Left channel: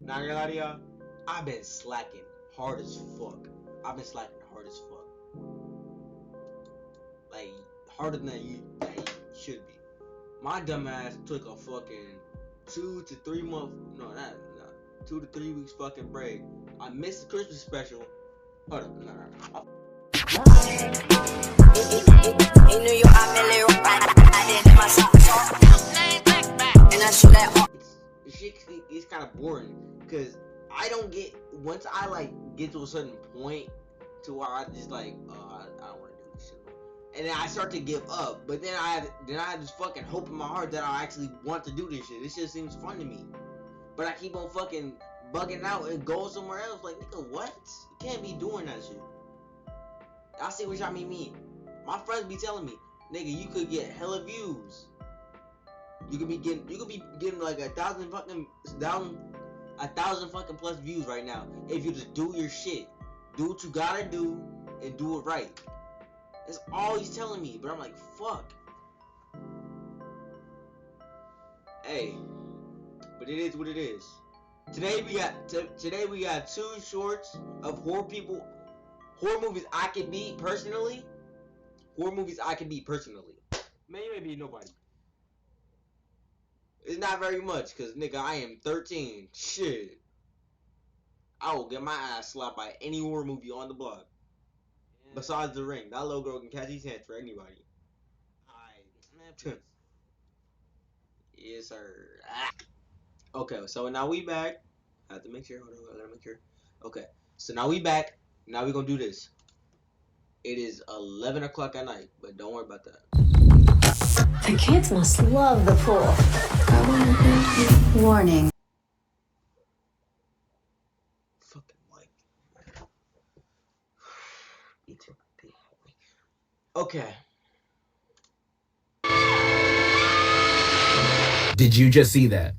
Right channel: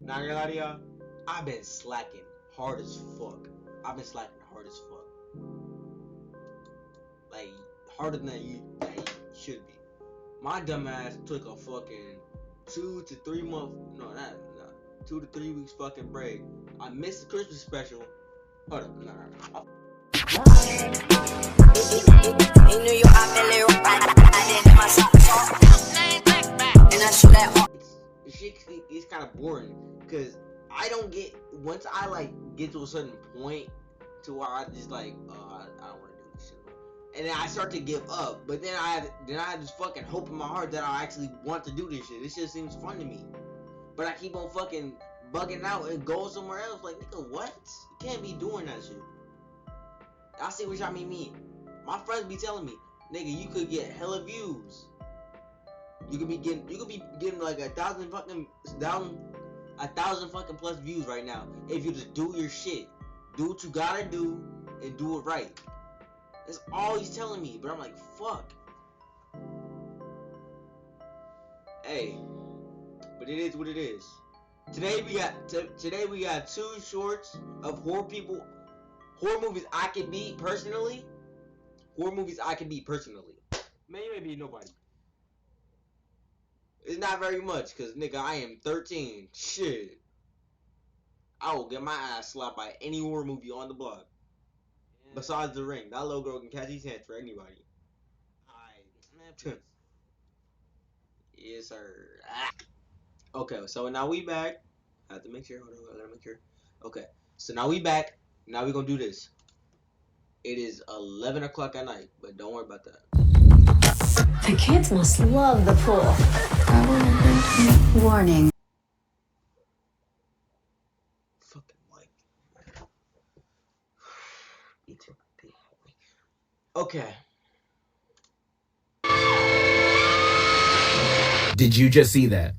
Not gonna lie to y'all, I've been slacking hard as fuck. I've been slacking hard as fuck. Like, harder than you should be. My dumb ass took a fucking 2 to 3 month, no, not 2 to 3 weeks fucking break. I missed the Christmas special. Hold up, nah. In New York, I did my and I shoot that. It's kind of boring because I don't get once I like get to a certain point to where I just like I don't want to do this shit, and then I start to give up. But then I have this fucking hope in my heart that I actually want to do this shit. This shit seems fun to me, but I keep on fucking bugging out and going somewhere else. Like, nigga, what? You can't be doing that shit. I see what y'all mean. My friends be telling me, nigga, you could get hella views. You could be getting like 1,000 fucking plus views right now if you just do your shit, do what you gotta do, and do it right. That's all he's telling me, but I'm like, fuck. Hey, but it is what it is. Today we got 2 shorts of horror movies I can beat personally. Horror movies I can beat personally. Man, you may be nobody. It's not very much, cause nigga, I am 13. Shit. I will get my ass slapped by any horror movie on the block. Yeah. Besides The Ring. That little girl can catch these hands for anybody. Alright. Yes, sir. Ah. Okay, so now we back. I have to make sure. Hold on, I gotta make sure. Okay, so now we back. Now we gonna do this. It is 11 o'clock at night, but don't worry about that. The kids must love the pool. Warning. Fucking white. Okay. Did you just see that?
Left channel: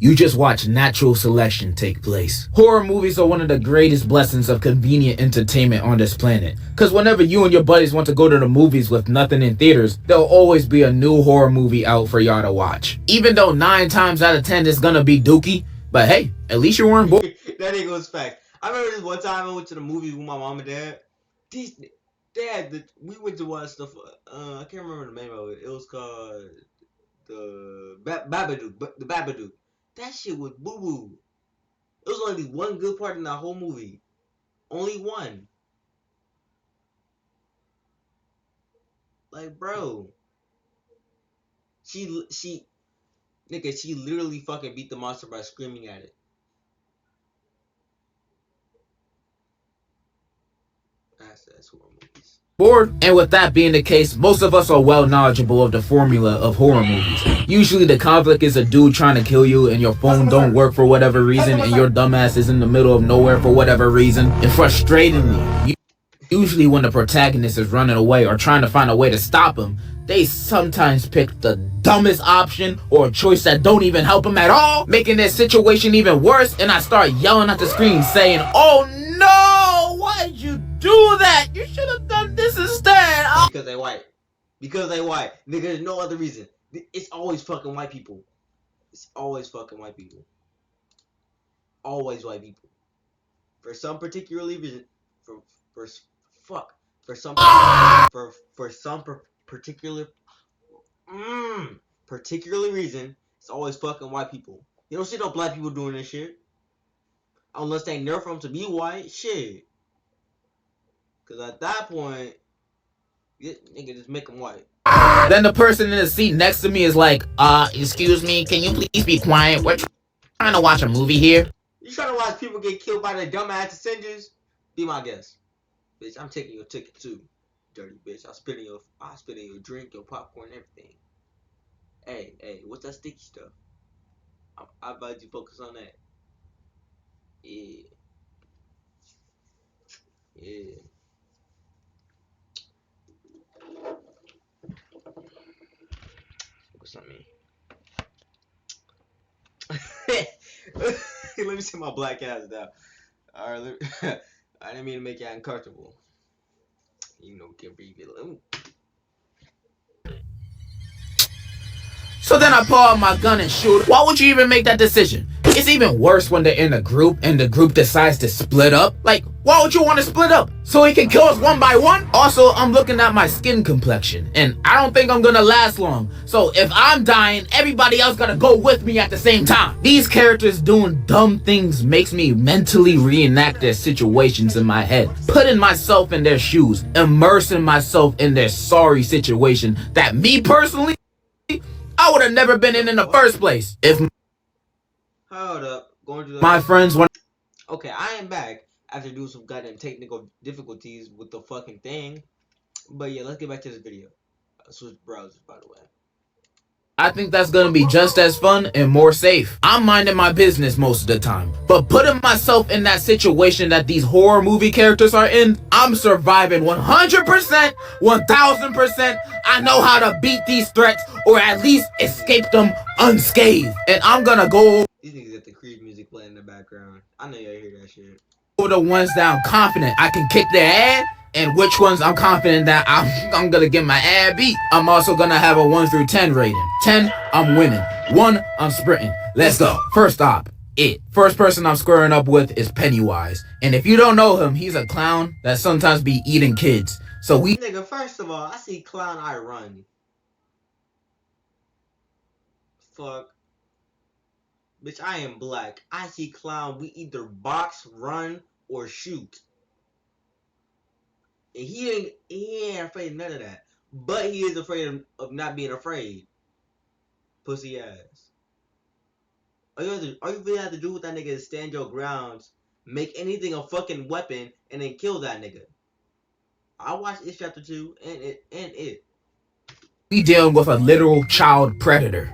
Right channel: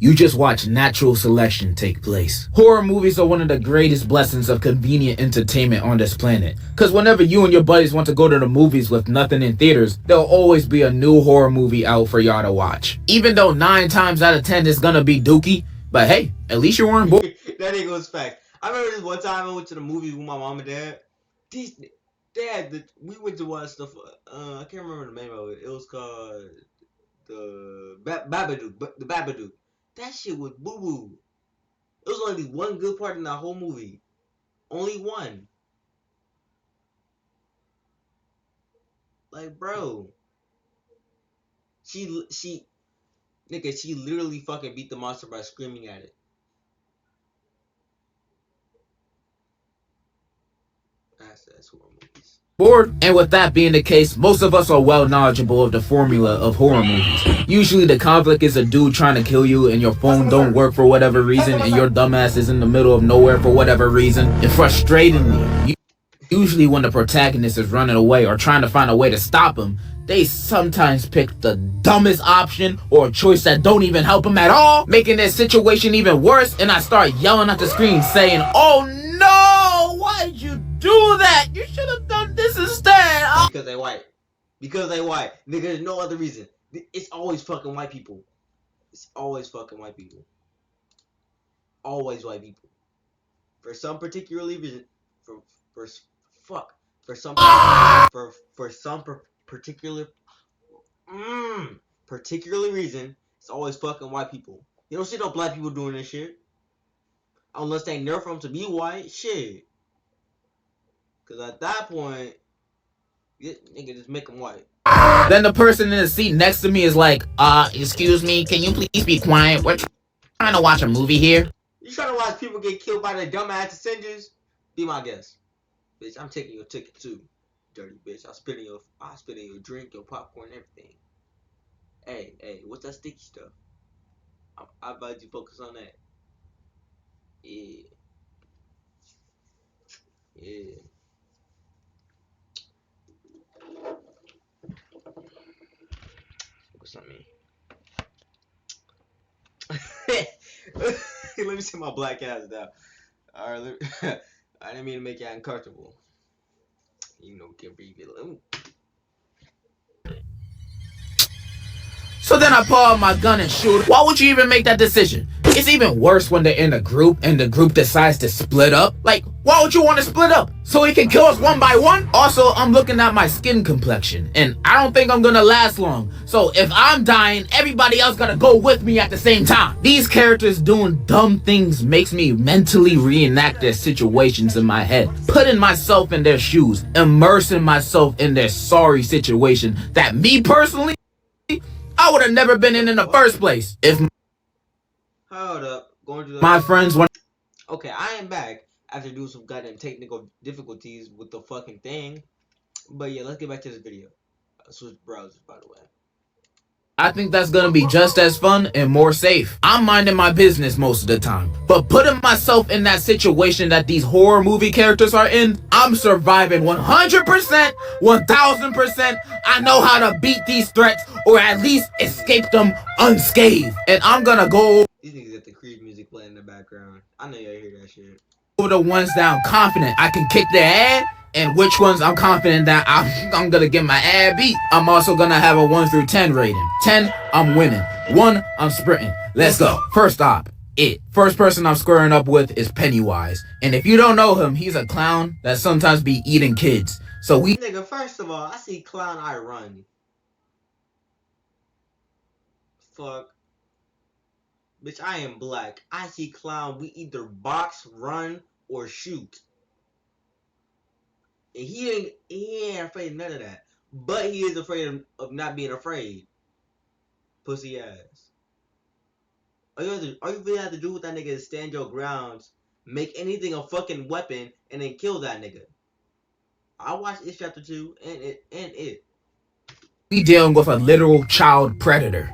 You just watched natural selection take place. Horror movies are one of the greatest blessings of convenient entertainment on this planet. Cause whenever you and your buddies want to go to the movies with nothing in theaters, there'll always be a new horror movie out for y'all to watch. Even though 9 times out of 10 it's gonna be dookie, but hey, at least you weren't bored. That nigga was fact. I remember this one time I went to the movies with my mom and dad. We went to watch the I can't remember the name of it. It was called the Babadook. The Babadook. That shit was boo boo. It was only one good part in that whole movie. Only one. Like, bro. She literally fucking beat the monster by screaming at it. That's horror movies. Bored? And with that being the case, most of us are well knowledgeable of the formula of horror movies. Usually the conflict is a dude trying to kill you and your phone don't work for whatever reason and your dumbass is in the middle of nowhere for whatever reason. And frustratingly, usually when the protagonist is running away or trying to find a way to stop him, they sometimes pick the dumbest option or a choice that don't even help him at all, making their situation even worse, and I start yelling at the screen saying, "Oh no, why did you do that? You should have done this instead." Because they white. Because they white. Nigga, there's no other reason. It's always fucking white people. It's always fucking white people. Always white people. For some particular reason, for some particular reason, it's always fucking white people. You don't see no black people doing this shit. Unless they nerf them to be white, shit. Cause at that point, nigga, just make them white. Then the person in the seat next to me is like, excuse me, can you please be quiet? We're trying to watch a movie here. You trying to watch people get killed by the dumbass ascenders? Be my guest. Bitch, I'm taking your ticket too. Dirty bitch. I'll spit in your drink, your popcorn, everything. Hey, what's that sticky stuff? I advise you focus on that. Yeah. Focus on me. Let me sit my black ass down. Alright, I didn't mean to make you uncomfortable. You know, can breathe it. So then I pull out my gun and shoot. Why would you even make that decision? It's even worse when they're in a group and the group decides to split up. Like, why would you want to split up? So he can kill us one by one? Also, I'm looking at my skin complexion and I don't think I'm gonna last long. So if I'm dying, everybody else gotta go with me at the same time. These characters doing dumb things makes me mentally reenact their situations in my head, putting myself in their shoes, immersing myself in their sorry situation that me personally, I would have never been in the first place. If Hold up. Going to the my friends want. Okay, I am back after doing some goddamn technical difficulties with the fucking thing. But yeah, let's get back to this video. Switch browsers, by the way. I think that's gonna be just as fun and more safe. I'm minding my business most of the time, but putting myself in that situation that these horror movie characters are in, I'm surviving 100%, 1000%. I know how to beat these threats or at least escape them unscathed. And I'm gonna go These niggas got the Creed music playing in the background. I know y'all hear that shit. over the ones that I'm confident I can kick their ass, and which ones I'm confident that I'm gonna get my ass beat. I'm also gonna have a 1 through 10 rating. 10, I'm winning. 1, I'm sprinting. Let's go. First op, It. First person I'm squaring up with is Pennywise. And if you don't know him, he's a clown that sometimes be eating kids. So we Nigga, first of all, I see clown, I run. Fuck. Bitch, I am black. I see clown, we either box, run, or shoot. And he ain't afraid of none of that. But he is afraid of not being afraid. Pussy ass. All you really have to do with that nigga is stand your grounds, make anything a fucking weapon, and then kill that nigga. I watched It Chapter 2 and it. We dealing with a literal child predator.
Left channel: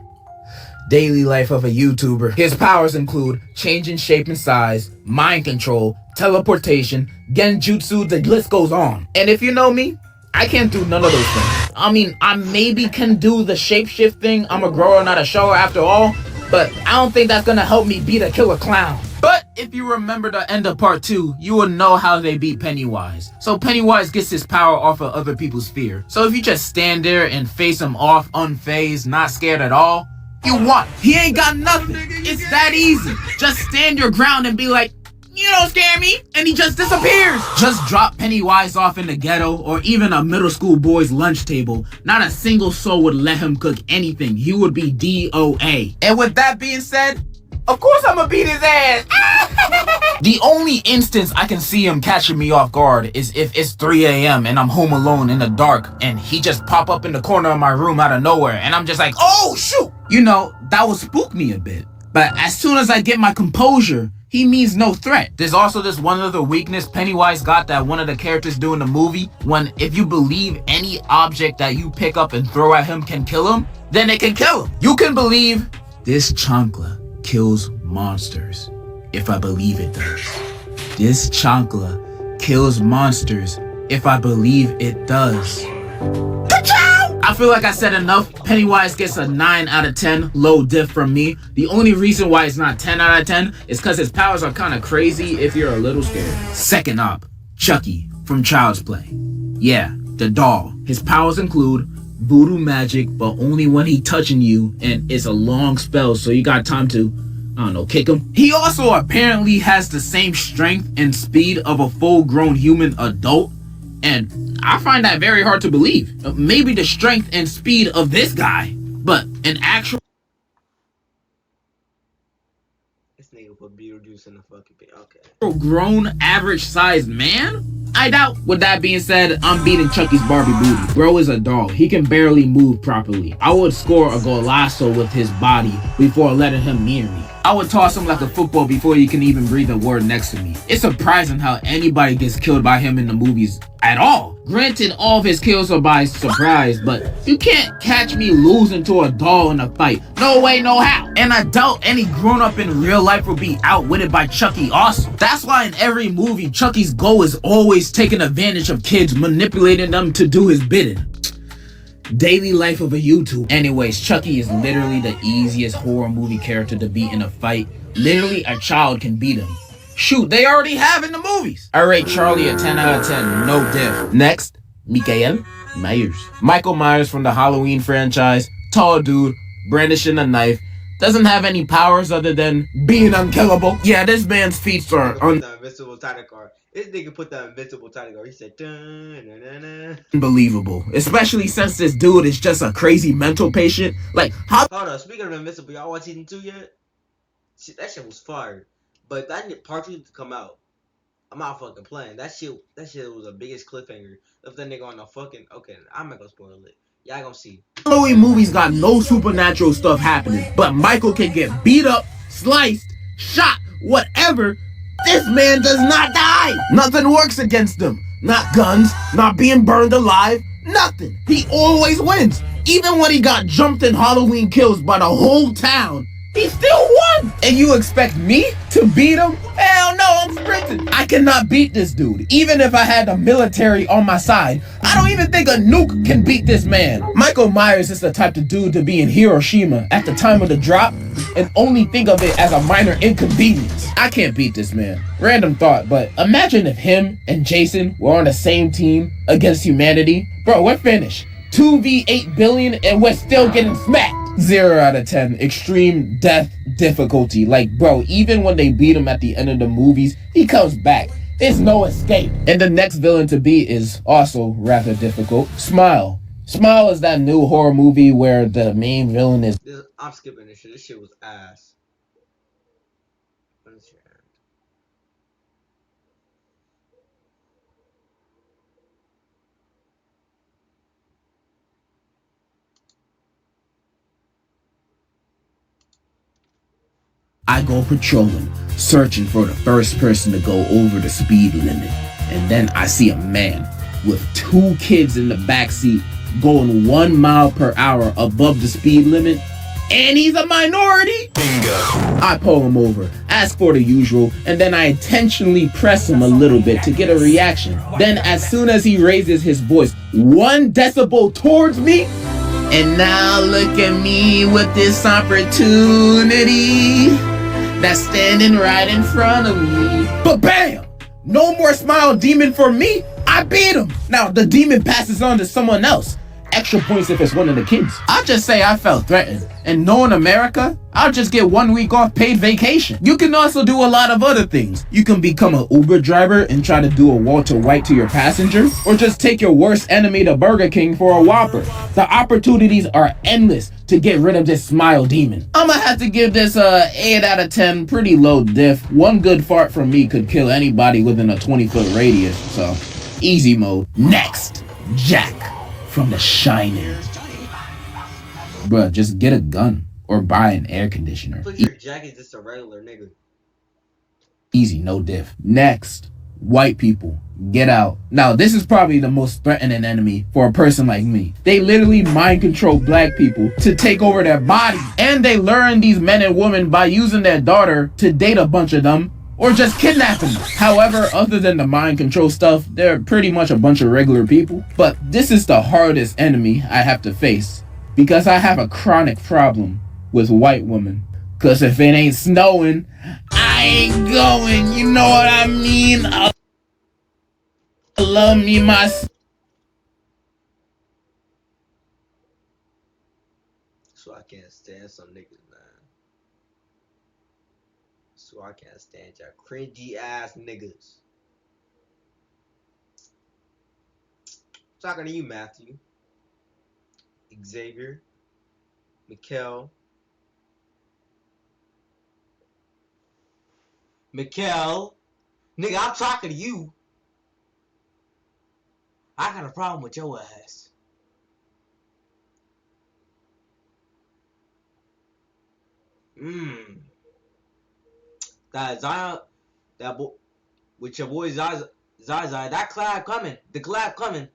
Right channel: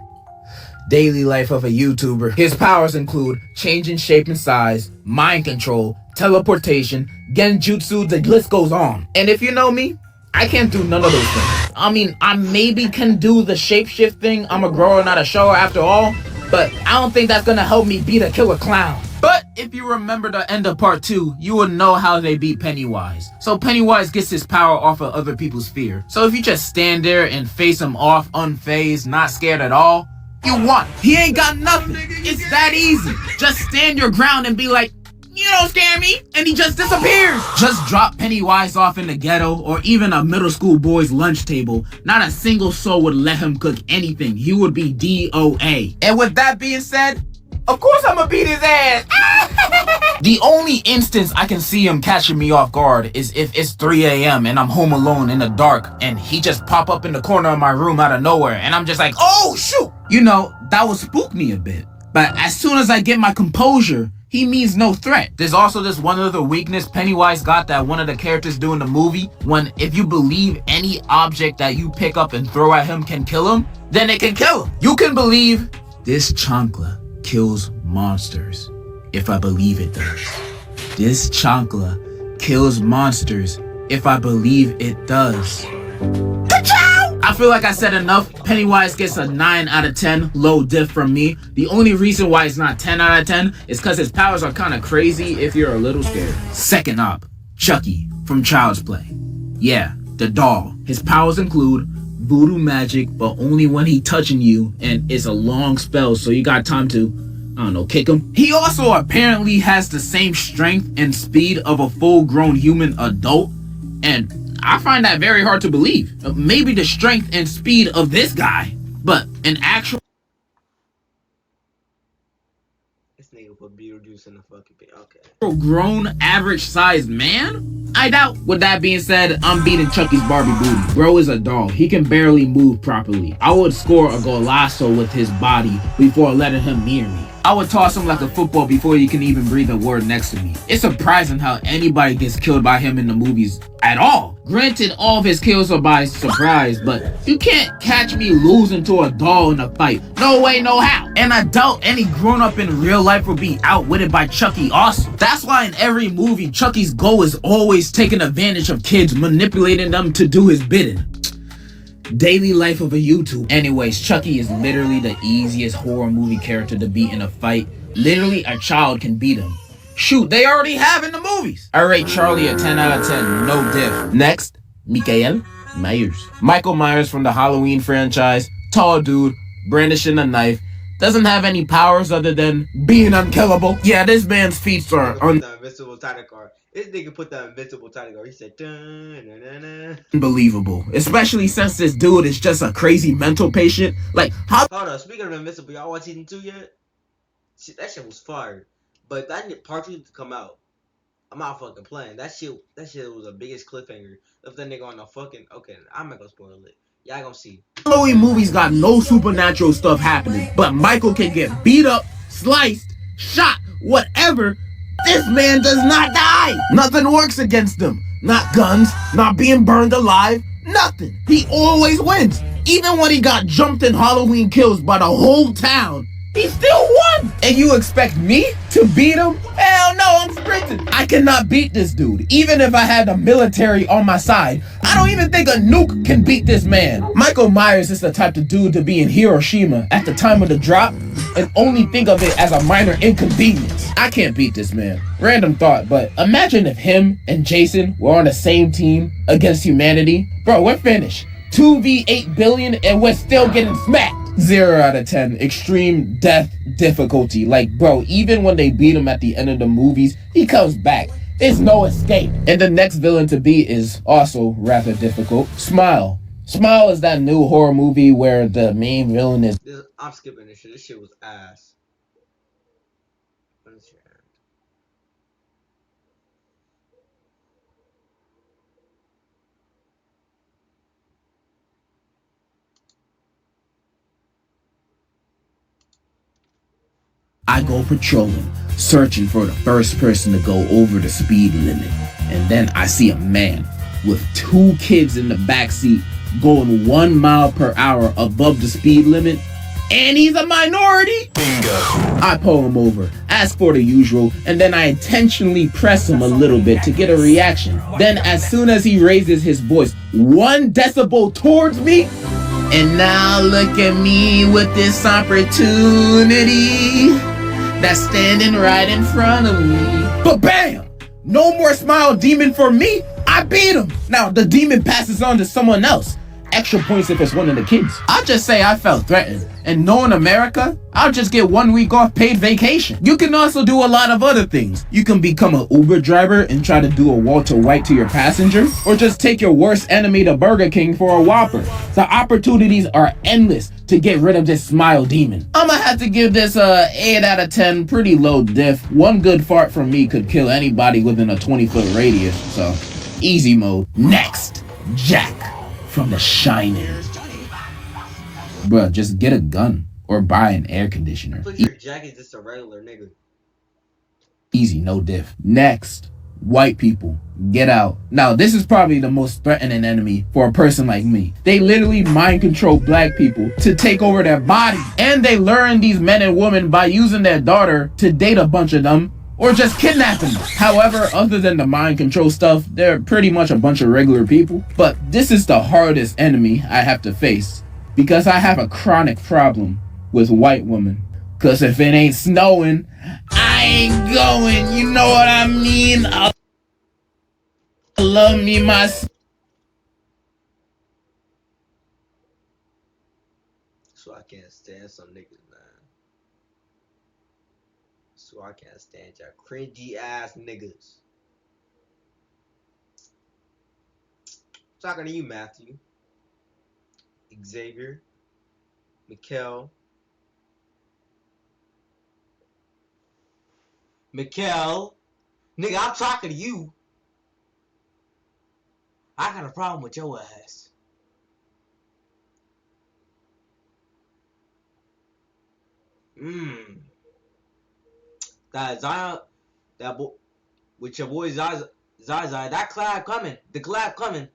Daily life of a YouTuber. His powers include changing shape and size, mind control, teleportation, genjutsu, the list goes on. And if you know me, I can't do none of those things. I mean, I maybe can do the shapeshift thing. I'm a grower, not a shower after all. But I don't think that's gonna help me beat a killer clown. But if you remember the end of part 2, you will know how they beat Pennywise. So Pennywise gets his power off of other people's fear. So if you just stand there and face him off unfazed, not scared at all, you won. He ain't got nothing. It's that easy. Just stand your ground and be like, you don't scare me, and he just disappears. Just drop Pennywise off in the ghetto or even a middle school boy's lunch table. Not a single soul would let him cook anything. He would be DOA. And with that being said, of course I'm gonna beat his ass. The only instance I can see him catching me off guard is if it's 3 a.m. and I'm home alone in the dark and he just pop up in the corner of my room out of nowhere and I'm just like, oh shoot! You know, that would spook me a bit. But as soon as I get my composure, he means no threat. There's also this one other weakness Pennywise got that one of the characters do in the movie. When if you believe any object that you pick up and throw at him can kill him, then it can kill him. You can believe this chancla kills monsters. If I believe it does. This chancla kills monsters if I believe it does. I feel like I said enough. Pennywise gets a 9 out of 10 low diff from me. The only reason why it's not 10 out of 10 is because his powers are kind of crazy if you're a little scared. Second op, Chucky from Child's Play. Yeah, the doll. His powers include voodoo magic, but only when he touching you, and it's a long spell, so you got time to, I don't know, kick him. He also apparently has the same strength and speed of a full-grown human adult, and I find that very hard to believe. Maybe the strength and speed of this guy, but an actual This nigga put Beetlejuice in the fucking pit. Okay. grown average-sized man? I doubt. With that being said, I'm beating Chucky's Barbie booty. Bro is a doll. He can barely move properly. I would score a golazo with his body before letting him near me. I would toss him like a football before he can even breathe a word next to me. It's surprising how anybody gets killed by him in the movies at all. Granted, all of his kills are by surprise, but you can't catch me losing to a doll in a fight. No way, no how. And I doubt any grown-up in real life will be outwitted by Chucky also. That's why in every movie, Chucky's goal is always taking advantage of kids, manipulating them to do his bidding. Daily life of a YouTuber. Anyways, Chucky is literally the easiest horror movie character to beat in a fight. Literally, a child can beat him. Shoot, they already have in the movies. I rate Charlie a 10 out of 10, no diff. Next, Michael Myers. Michael Myers from the Halloween franchise. Tall dude, brandishing a knife, doesn't have any powers other than being unkillable. Yeah, this man's feats are the invincible title card. This nigga put the invincible title card. He said, dun, dun, dun, dun. Unbelievable. Especially since this dude is just a crazy mental patient. Like, how? Hold on, speaking of invincible, y'all watch season 2 yet? Shit, that shit was fire. But that part 2 to come out. I'm not fucking playing. That shit was the biggest cliffhanger. If that nigga on the fucking... Okay, I'm not gonna spoil it. Y'all gonna see. Halloween movies got no supernatural stuff happening, but Michael can get beat up, sliced, shot, whatever. This man does not die. Nothing works against him. Not guns, not being burned alive, nothing. He always wins. Even when he got jumped in Halloween Kills by the whole town, he still won! And you expect me to beat him? Hell no, I'm sprinting. I cannot beat this dude. Even if I had the military on my side, I don't even think a nuke can beat this man. Michael Myers is the type of dude to be in Hiroshima at the time of the drop and only think of it as a minor inconvenience. I can't beat this man. Random thought, but imagine if him and Jason were on the same team against humanity. Bro, we're finished. 2v8 billion and we're still getting smacked. 0 out of 10. Extreme death difficulty. Like, bro, even when they beat him at the end of the movies, he comes back. There's no escape. And the next villain to beat is also rather difficult. Smile. Smile is that new horror movie where the main villain is... I'm skipping this shit. This shit was ass. I go patrolling, searching for the first person to go over the speed limit. And then I see a man with 2 kids in the backseat going 1 mile per hour above the speed limit. And he's a minority? Bingo. I pull him over, ask for the usual, and then I intentionally press him a little bit to get a reaction. Then as soon as he raises his voice 1 decibel towards me, and now look at me with this opportunity that's standing right in front of me. But bam! No more smile demon for me. I beat him. Now the demon passes on to someone else. Extra points if it's one of the kids. I'll just say I felt threatened. And knowing America, I'll just get 1 week off paid vacation. You can also do a lot of other things. You can become an Uber driver and try to do a Walter White to your passenger, or just take your worst enemy to Burger King for a Whopper. The opportunities are endless to get rid of this smile demon. I'ma have to give this a 8 out of 10, pretty low diff. 1 good fart from me could kill anybody within a 20-foot radius, so easy mode. Next, Jack from The Shining. Bruh, just get a gun or buy an air conditioner. Put your jacket just a regular nigga. Easy, no diff. Next, white people. Get out. Now, this is probably the most threatening enemy for a person like me. They literally mind control black people to take over their body. And they learn these men and women by using their daughter to date a bunch of them or just kidnap them. However, other than the mind control stuff, they're pretty much a bunch of regular people. But this is the hardest enemy I have to face because I have a chronic problem with white women. Cause if it ain't snowing, I ain't going, you know what I mean? I love me my... So I can't stand some niggas, man. So I can't stand y'all cringy ass niggas. Talking to you, Matthew, Xavier, Mikkel, nigga, I'm talking to you. I got a problem with your ass. That Zion, that boy, with your boy Zaza, that collab coming, the collab coming.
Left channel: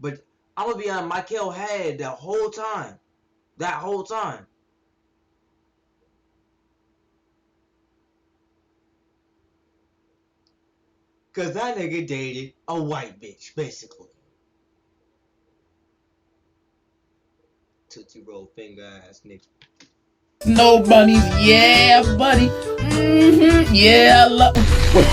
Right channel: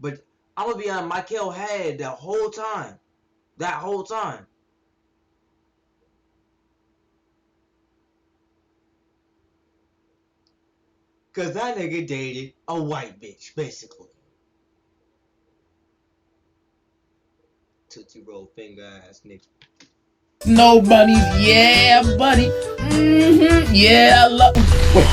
But I'm gonna be on Michael head the whole time. That whole time. Cause that nigga dated a white bitch, basically. Tootsie Roll finger ass nigga. No bunnies, yeah, buddy. Yeah, I love. Wait,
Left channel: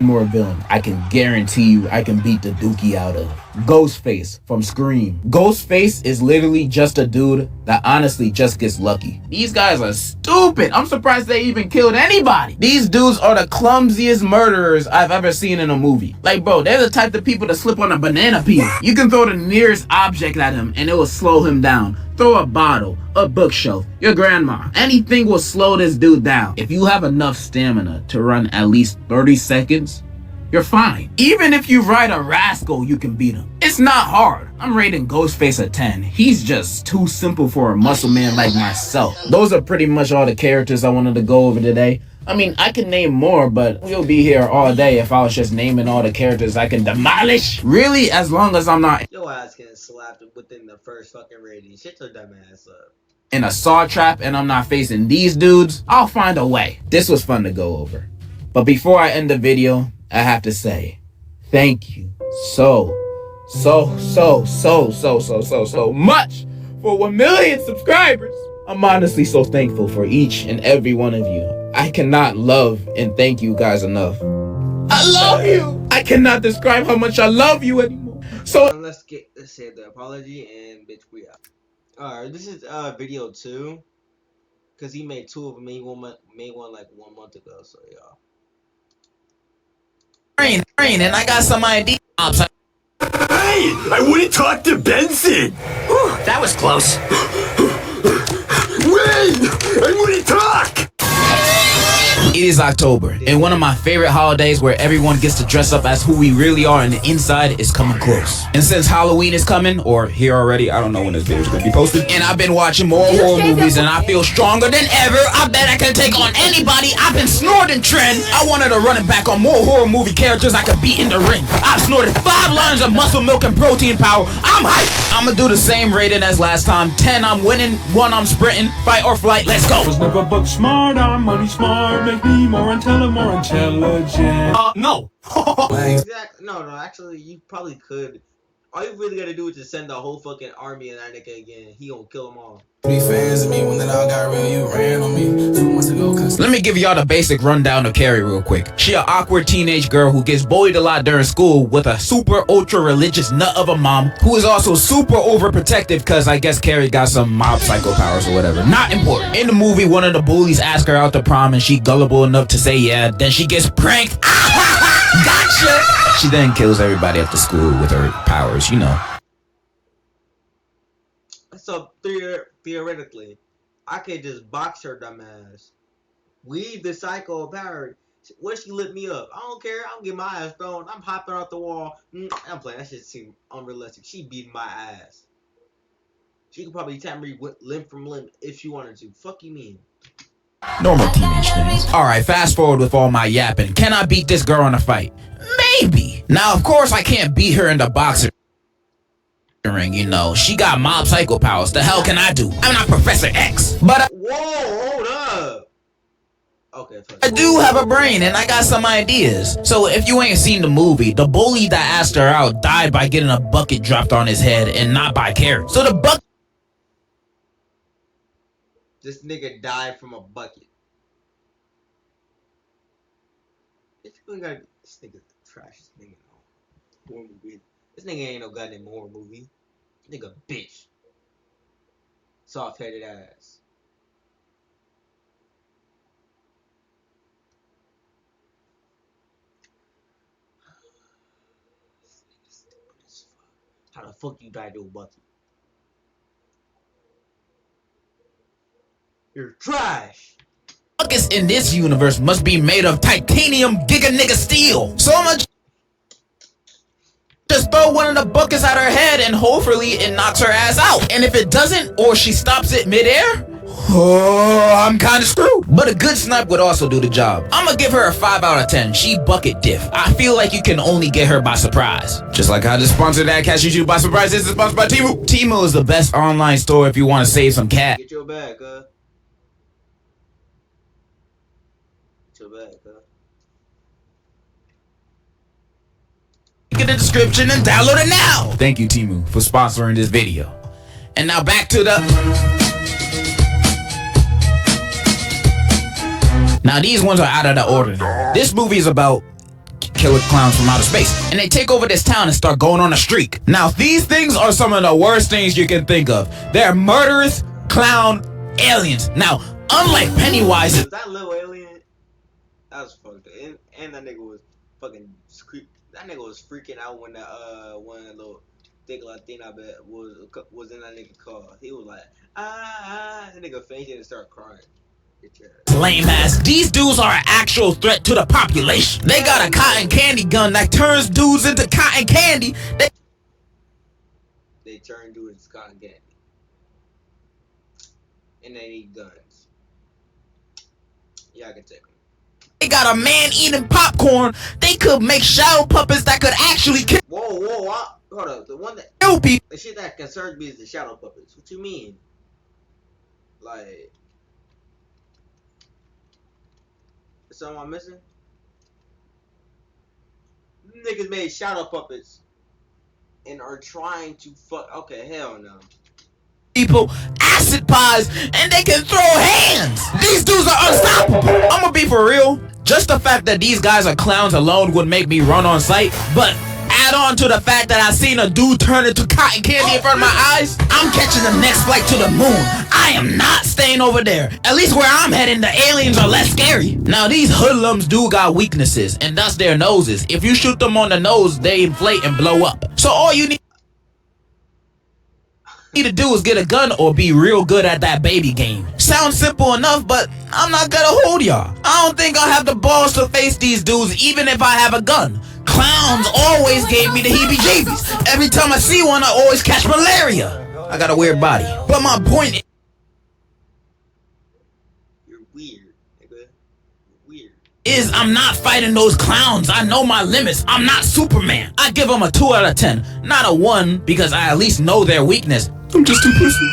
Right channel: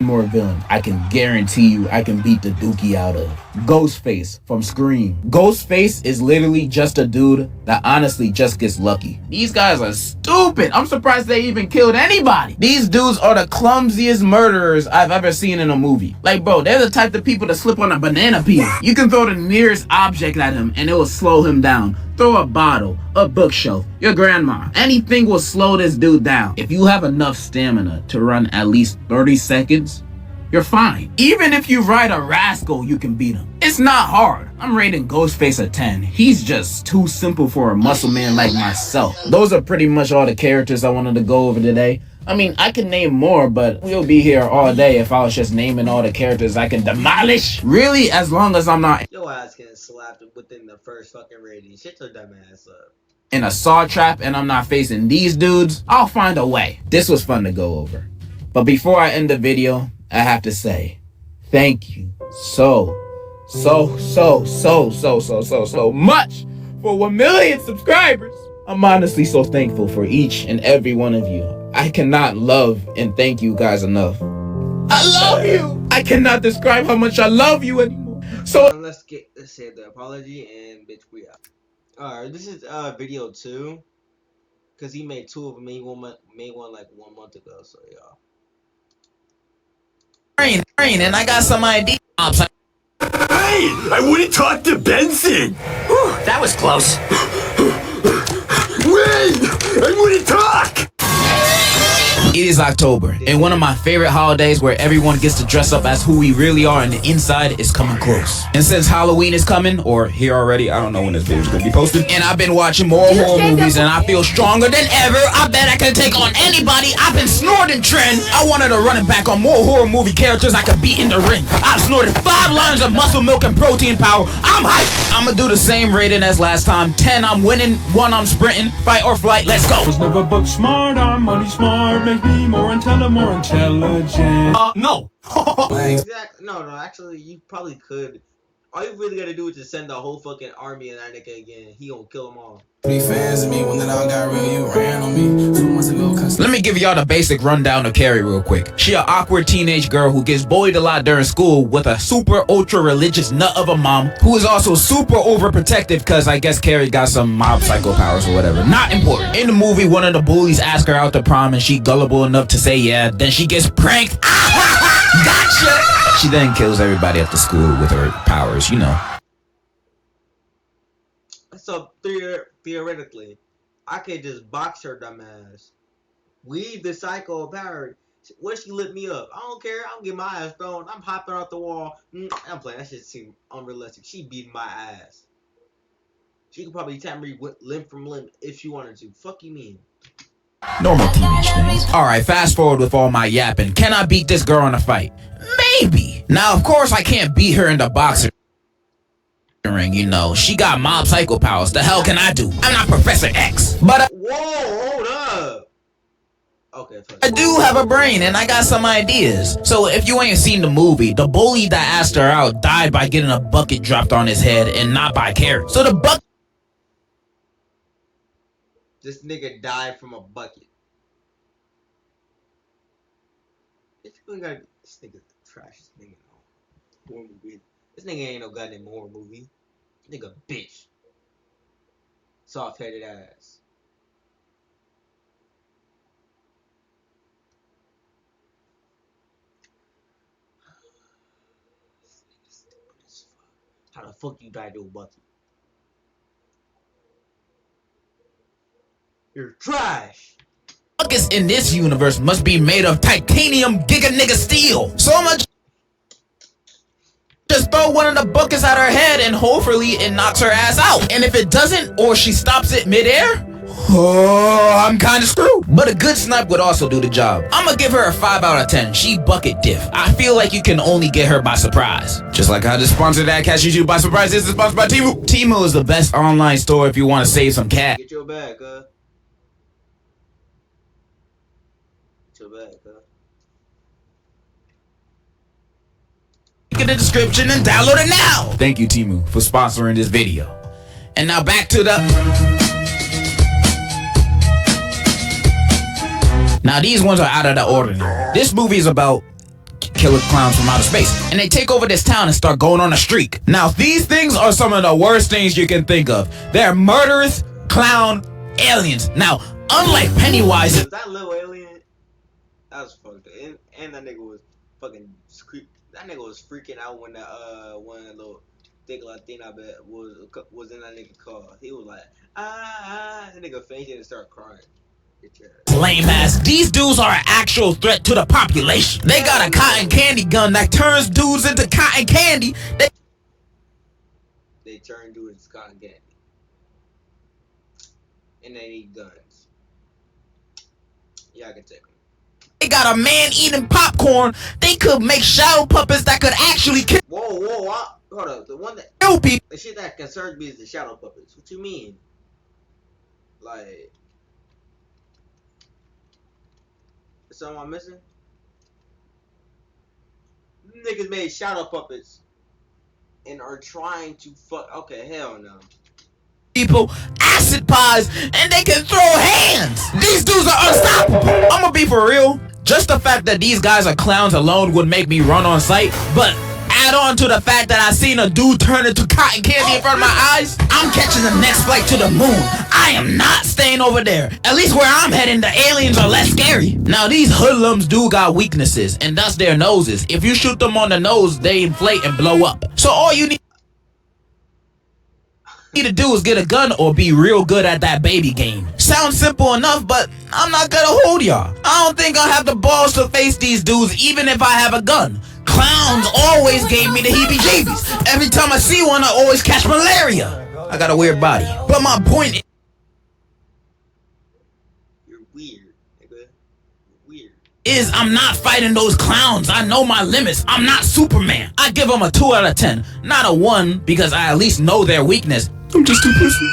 no. more villain I can guarantee you I can beat the dookie out of. Ghostface from Scream. Ghostface is literally just a dude that honestly just gets lucky. These guys are stupid. I'm surprised they even killed anybody. These dudes are the clumsiest murderers I've ever seen in a movie. Like, bro, they're the type of people that slip on a banana peel. You can throw the nearest object at him and it will slow him down. Throw a bottle, a bookshelf, your grandma. Anything will slow this dude down. If you have enough stamina to run at least 30 seconds, you're fine. Even if you ride a rascal, you can beat him. It's not hard. I'm rating Ghostface a 10. He's just too simple for a muscle man like myself. Those are pretty much all the characters I wanted to go over today. I mean, I can name more, but we'll be here all day if I was just naming all the characters I can demolish. Really, as long as I'm not Your ass getting slapped within the first fucking rating. Shut your dumb ass up. in a saw trap and I'm not facing these dudes, I'll find a way. This was fun to go over. But before I end the video, I have to say, thank you so much for 1 million subscribers. I'm honestly so thankful for each and every one of you. I cannot love and thank you guys enough. I love you. I cannot describe how much I love you anymore. So let's say the apology and bitch we out. Alright, this is video 2. Cause he made 2 of them. Made one like 1 month ago. So y'all. and I got some ideas. Hey, I wouldn't talk to Benson. That was close. Wait, I wouldn't talk. It is October, and one of my favorite holidays where everyone gets to dress up as who we really are and the inside is coming close. And since Halloween is coming, or here already, I don't know when this video is going to be posted, and I've been watching more horror movies and I feel stronger than ever. I bet I can take on anybody. I've been snorting trend. I wanted to run it back on more horror movie characters I could beat in the ring. I've snorted 5 lines of muscle milk and protein power. I'm hyped. I'm going to do the same rating as last time. 10, I'm winning. 1, I'm sprinting. Fight or flight, let's go. Was never book smart, I'm money smart. Make me more intelligent, No. Exactly. No, actually, you probably could. All you really gotta do is just send the whole fucking army in that nigga again. He gonna kill them all. 3 fans of me when it all got real, you ran on me 2 months ago. Let me give y'all the basic rundown of Carrie real quick. She an awkward teenage girl who gets bullied a lot during school with a super ultra religious nut of a mom who is also super overprotective because I guess Carrie got some mob psycho powers or whatever. Not important. In the movie, one of the bullies asks her out to prom and she gullible enough to say yeah. Then she gets pranked. Gotcha! She then kills everybody at the school with her powers, you know. So theoretically, I could just box her dumb ass. Weave the psycho power. What if she lit me up? I don't care. I'm getting my ass thrown. I'm hopping off the wall. I'm playing. That shit seems unrealistic. She beating my ass. She could probably tap me limb from limb if she wanted to. Fuck you mean? Normal teenage things. Alright, fast forward with all my yapping. Can I beat this girl in a fight? Maybe. Now, of course, I can't beat her in the boxer ring, you know. She got mob psycho powers. The hell can I do? I'm not Professor X. But whoa, hold up. Okay, I do have a brain and I got some ideas. So if you ain't seen the movie, the bully that asked her out died by getting a bucket dropped on his head and not by Carrie. So the bucket... This nigga died from a bucket. This nigga's the trashiest nigga in the horror movie. This nigga ain't no goddamn horror movie. Nigga bitch. Soft-headed ass. This nigga's stupid as fuck. How the fuck you died to a bucket? You're trash. Buckets in this universe must be made of titanium giga nigga steel. So much. Just throw one of the buckets at her head and hopefully it knocks her ass out. And if it doesn't, or she stops it midair, oh, I'm kinda screwed. But a good snipe would also do the job. I'ma give her a 5 out of 10. She bucket diff. I feel like you can only get her by surprise. Just like how this sponsored ad catches you by surprise. This is sponsored by Temu. Temu is the best online store if you want to save some cash. Get your bag, Get your bag, In the description and download it now. Thank you, Temu, for sponsoring this video. And now back to the... Now these ones are out of the ordinary. This movie is about killer clowns from outer space. And they take over this town and start going on a streak. Now, these things are some of the worst things you can think of. They're murderous clown aliens. Now, unlike Pennywise... Was that little alien? That was fucked up. And that nigga was fucking... That nigga was freaking out when that, one little thick Latina bet was in that nigga car. He was like, that nigga fainted and started crying. Lame ass. These dudes are an actual threat to the population. They got a cotton candy gun that turns dudes into cotton candy. They turn dudes into cotton candy. And they need guns. Yeah, I can take them. They got a man eating popcorn. They could make shadow puppets that could actually kill. Whoa, hold up. The one that kill people. The shit that concerns me is the shadow puppets. What you mean? Like, is something I'm missing? Niggas made shadow puppets and are trying to fuck. Okay, hell no. People, acid pies, and they can throw hands. These dudes are unstoppable. I'm gonna be for real. Just the fact that these guys are clowns alone would make me run on sight, but add on to the fact that I seen a dude turn into cotton candy in front of my eyes, I'm catching the next flight to the moon. I am not staying over there. At least where I'm heading, the aliens are less scary. Now, these hoodlums do got weaknesses, and that's their noses. If you shoot them on the nose, they inflate and blow up. So all you need to do is get a gun or be real good at that baby game. Sounds simple enough, but I'm not gonna hold y'all. I don't think I'll have the balls to face these dudes even if I have a gun. Clowns always gave me the heebie-jeebies. Every time I see one, I always catch malaria. I got a weird body. But my point is... You're weird, nigga. Weird. I'm not fighting those clowns. I know my limits. I'm not Superman. I give them a 2 out of 10. Not a 1, because I at least know their weakness. I'm just too pussy.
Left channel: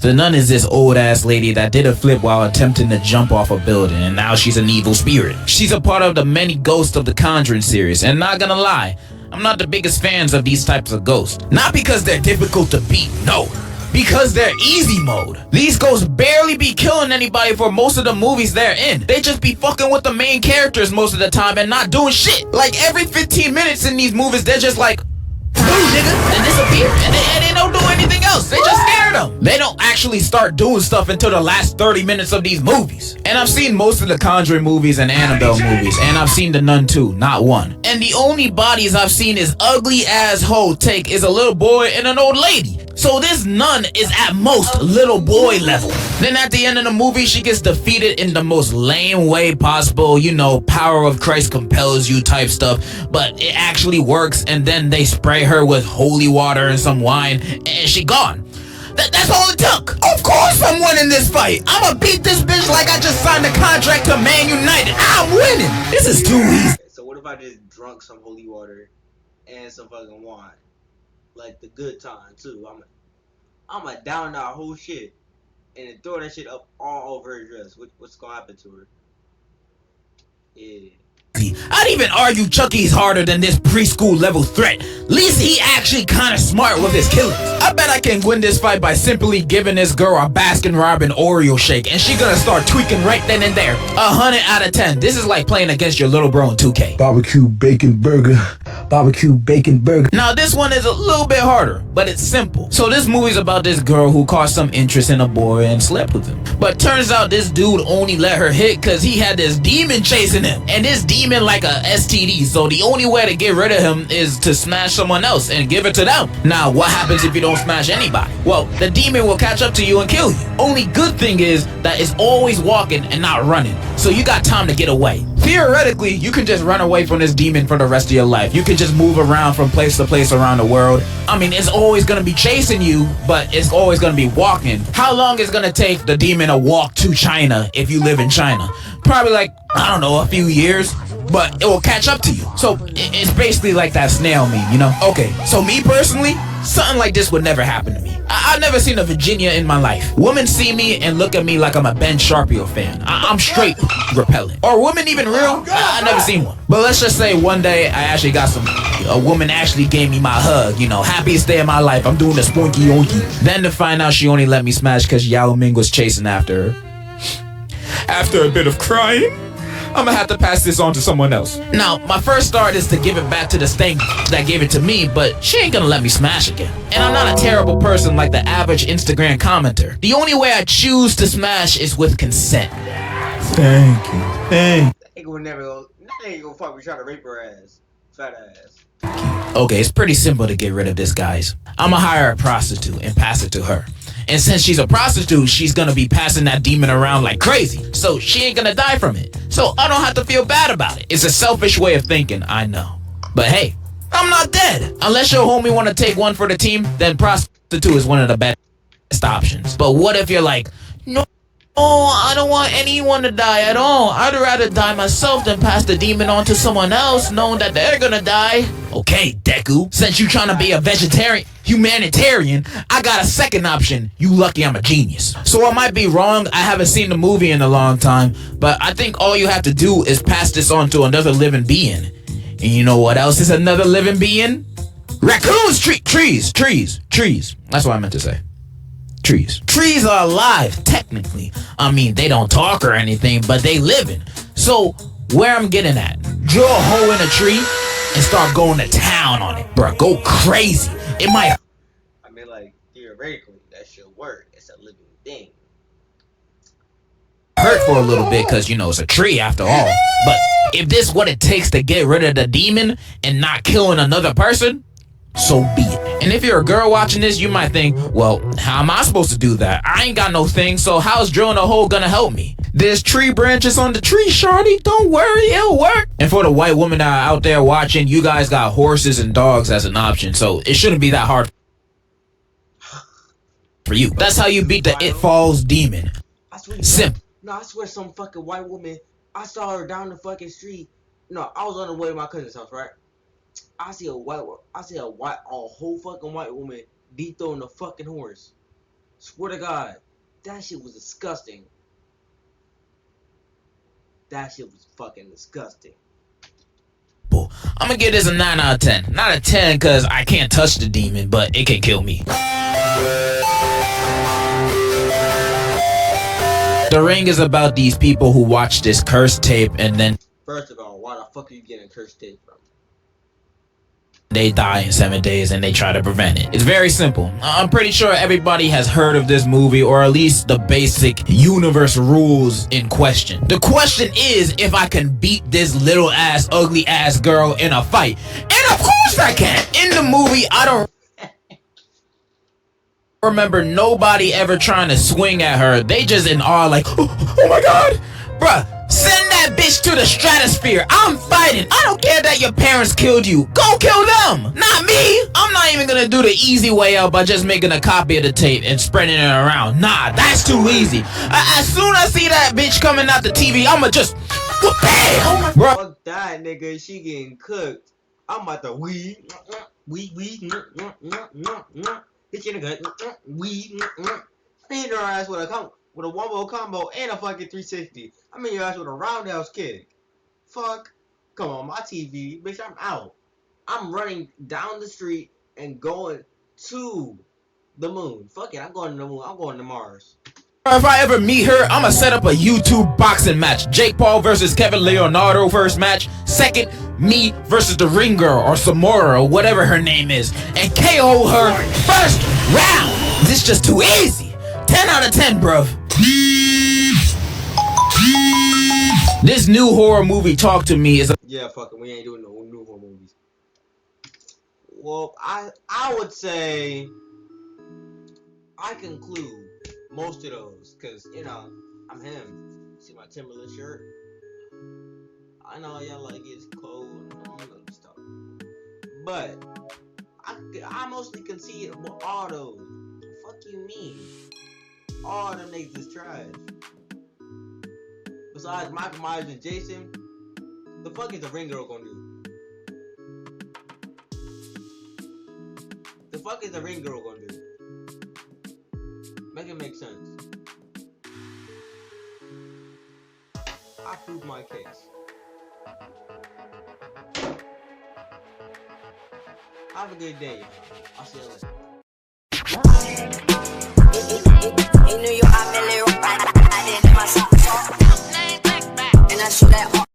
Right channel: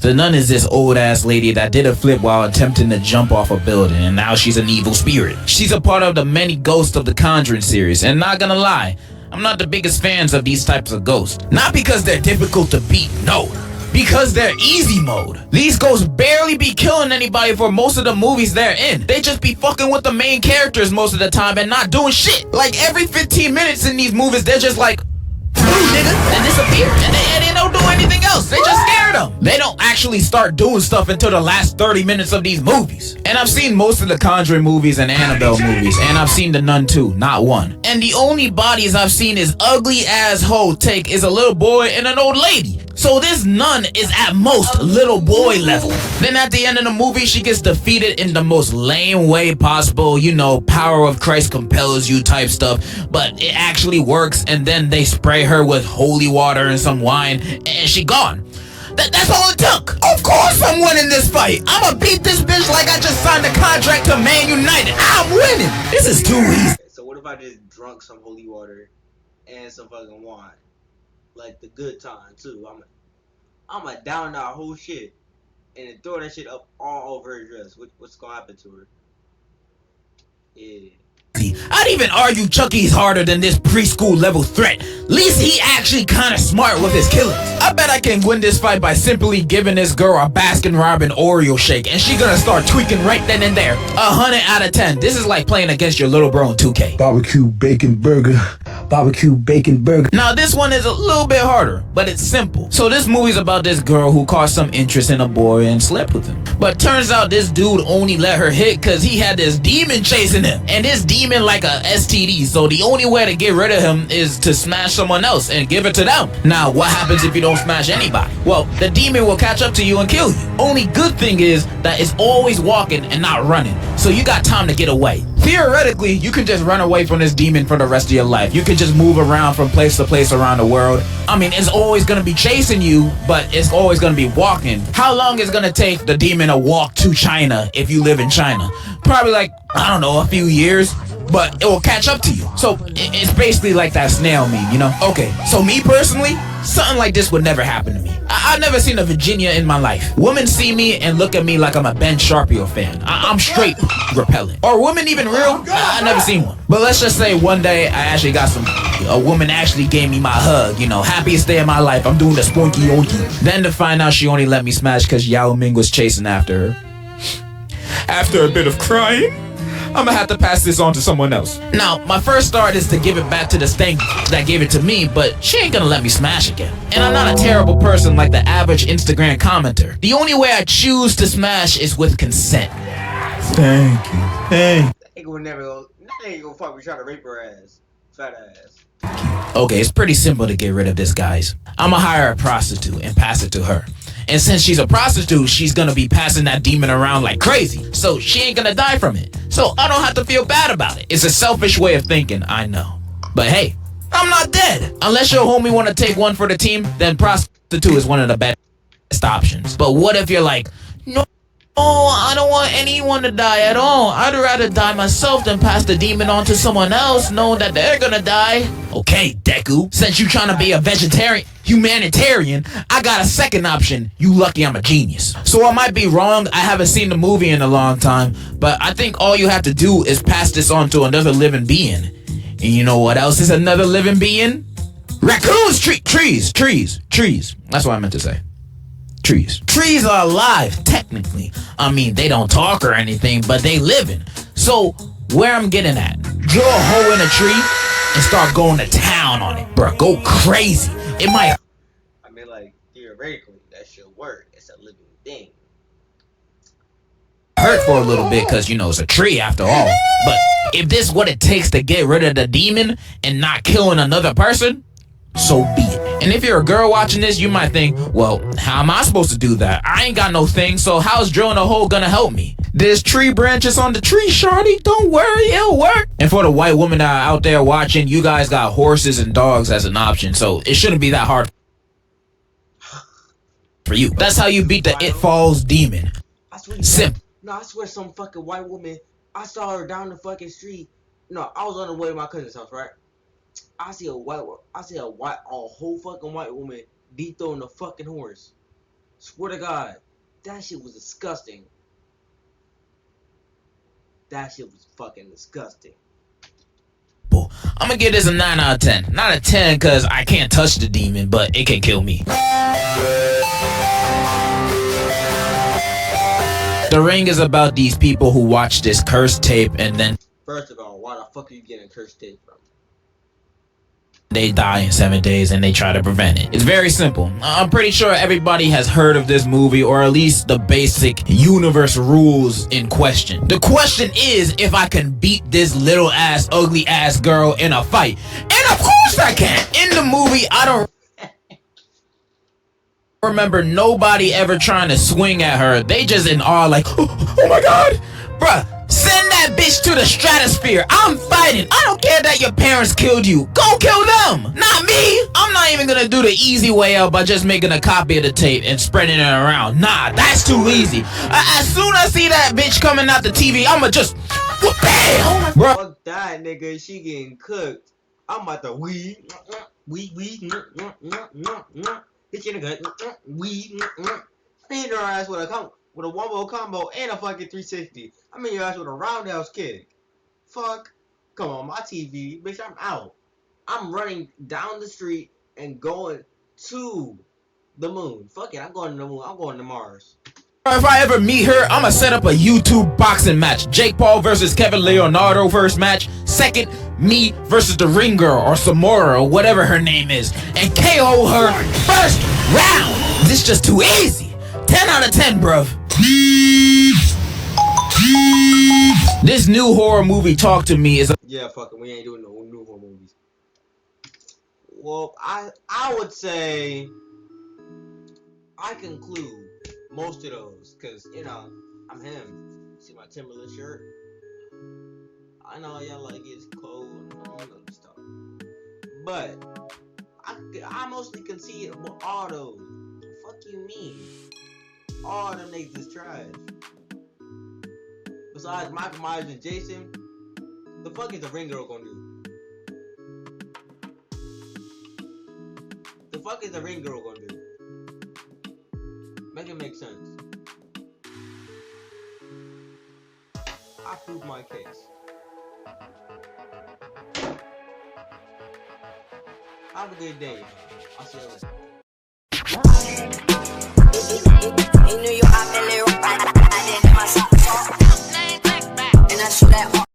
The nun is this old ass lady that did a flip while attempting to jump off a building, and now she's an evil spirit. She's a part of the many ghosts of the Conjuring series, and not gonna lie, I'm not the biggest fans of these types of ghosts. Not because they're difficult to beat, no. Because they're easy mode. These ghosts barely be killing anybody for most of the movies they're in. They just be fucking with the main characters most of the time and not doing shit. Like every 15 minutes in these movies, they're just like, "Ooh, nigga," and disappear. And they don't do anything else. They just scare them. They don't actually start doing stuff until the last 30 minutes of these movies. And I've seen most of the Conjuring movies and Annabelle movies, and I've seen The Nun too, not one. And the only bodies I've seen is ugly ass hoe take is a little boy and an old lady. So this nun is at most little boy level. Then at the end of the movie, she gets defeated in the most lame way possible. You know, power of Christ compels you type stuff. But it actually works, and then they spray her with holy water and some wine, and she gone. That's all it took. Of course I'm winning this fight. I'ma beat this bitch like I just signed a contract to Man United. I'm winning. This is too easy. So what if I just drunk some holy water and some fucking wine? Like the good time too. I'ma down that whole shit and then throw that shit up all over her dress. What's gonna happen to her? Yeah. I'd even argue Chucky's harder than this preschool level threat. At least he actually kinda smart with his killings. I bet I can win this fight by simply giving this girl a Baskin Robbins Oreo shake, and she gonna start tweaking right then and there. 100 out of 10. This is like playing against your little bro in 2K. Barbecue bacon burger. Barbecue bacon burger. Now this one is a little bit harder, but it's simple. So this movie's about this girl who caught some interest in a boy and slept with him. But turns out this dude only let her hit cause he had this demon chasing him. And this demon like a STD, so the only way to get rid of him is to smash someone else and give it to them. Now what happens if you don't smash anybody? Well, the demon will catch up to you and kill you. Only good thing is that it's always walking and not running, so you got time to get away. Theoretically, you can just run away from this demon for the rest of your life. You can just move around from place to place around the world. I mean, it's always gonna be chasing you, but it's always gonna be walking. How long is it gonna take the demon to walk to China if you live in China? Probably like, I don't know, a few years, but it will catch up to you. So it's basically like that snail meme, you know? Okay, so me personally, something like this would never happen to me. I've never seen a Virginia in my life. Women see me and look at me like I'm a Ben Sharpio fan. I'm straight repellent. Are women even real? I've never seen one. But let's just say one day I actually got a woman actually gave me my hug, you know, happiest day of my life. I'm doing the spunky onky. Then to find out she only let me smash because Yao Ming was chasing after her. After a bit of crying, I'm gonna have to pass this on to someone else. Now, my first thought is to give it back to the stank that gave it to me, but she ain't gonna let me smash again. And I'm not a terrible person like the average Instagram commenter. The only way I choose to smash is with consent. Thank you. That nigga would never go. That nigga gonna fuck me try to rape her ass. Fat ass. Okay, it's pretty simple to get rid of this, guys. I'ma hire a prostitute and pass it to her. And since she's a prostitute, she's gonna be passing that demon around like crazy. So she ain't gonna die from it. So I don't have to feel bad about it. It's a selfish way of thinking, I know. But hey, I'm not dead. Unless your homie wanna take one for the team, then prostitute is one of the best options. But what if you're like, no, I don't want anyone to die at all. I'd rather die myself than pass the demon on to someone else knowing that they're gonna die. Okay, Deku, since you trying to be a humanitarian, I got a second option. You lucky I'm a genius. So I might be wrong. I haven't seen the movie in a long time, but I think all you have to do is pass this on to another living being. And you know what else is another living being? Raccoons, trees. That's what I meant to say. Trees. Trees are alive, technically. I mean, they don't talk or anything, but they living. So, where I'm getting at, draw a hole in a tree and start going to town on it. Bruh, go crazy. It might I mean, like, theoretically, that should work. It's a living thing. hurt for a little bit because, you know, it's a tree after all. But if this is what it takes to get rid of the demon and not killing another person, so be it. And if you're a girl watching this, you might think, well, how am I supposed to do that? I ain't got no thing, so how's drilling a hole gonna help me? There's tree branches on the tree, shawty. Don't worry, it'll work. And for the white women that are out there watching, you guys got horses and dogs as an option, so it shouldn't be that hard for you. That's how you beat the It Falls demon. I swear, Simple. no, I swear some fucking white woman, I saw her down the fucking street. No, I was on the way to my cousin's house, right? I see a whole fucking white woman dethrowing the fucking horse. Swear to God, that shit was disgusting. That shit was fucking disgusting. I'm gonna give this a 9 out of 10. Not a 10 because I can't touch the demon, but it can kill me. The Ring is about these people who watch this cursed tape and then First of all, why the fuck are you getting cursed tape from? they die in 7 days and they try to prevent it. It's very simple. I'm pretty sure everybody has heard of this movie, or at least the basic universe rules in question. The question is if I can beat this little ass, ugly ass girl in a fight. And of course I can. In the movie, I don't remember nobody ever trying to swing at her. They just in awe like, oh my God. Bruh, send that bitch to the stratosphere. I'm fighting. I don't care that your parents killed you. Go kill them, not me. I'm not even gonna do the easy way out by just making a copy of the tape and spreading it around. Nah, that's too easy. As soon as I see that bitch coming out the TV, I'ma just, bam, bruh. Fuck that, nigga. She getting cooked. I'm about to hit you in the gut. Hit her ass with a wombo combo and a fucking 360. I mean your ass with a roundhouse kick. Fuck. Come on, my TV. Bitch, I'm out. I'm running down the street and going to the moon. Fuck it, I'm going to the moon. I'm going to Mars. If I ever meet her, I'ma set up a YouTube boxing match. Jake Paul versus Kevin Leonardo first match. Second, me versus the Ring Girl or Samora or whatever her name is. And KO her first round. This is just too easy. 10 out of 10, bruv. This new horror movie, Talk to Me, is a Yeah, fuck it. We ain't doing no new horror movies. Well, I would say I conclude most of those, cause you know I'm him. See my Timberland shirt. I know y'all like it's cold and all that stuff, but I mostly concede all those. Fuck you mean? All them niggas is trash. Besides Michael Myers and Jason, the fuck is the Ring Girl gonna do? The fuck is the Ring Girl gonna do? Make it make sense. I proved my case. Have a good day. I'll see you later.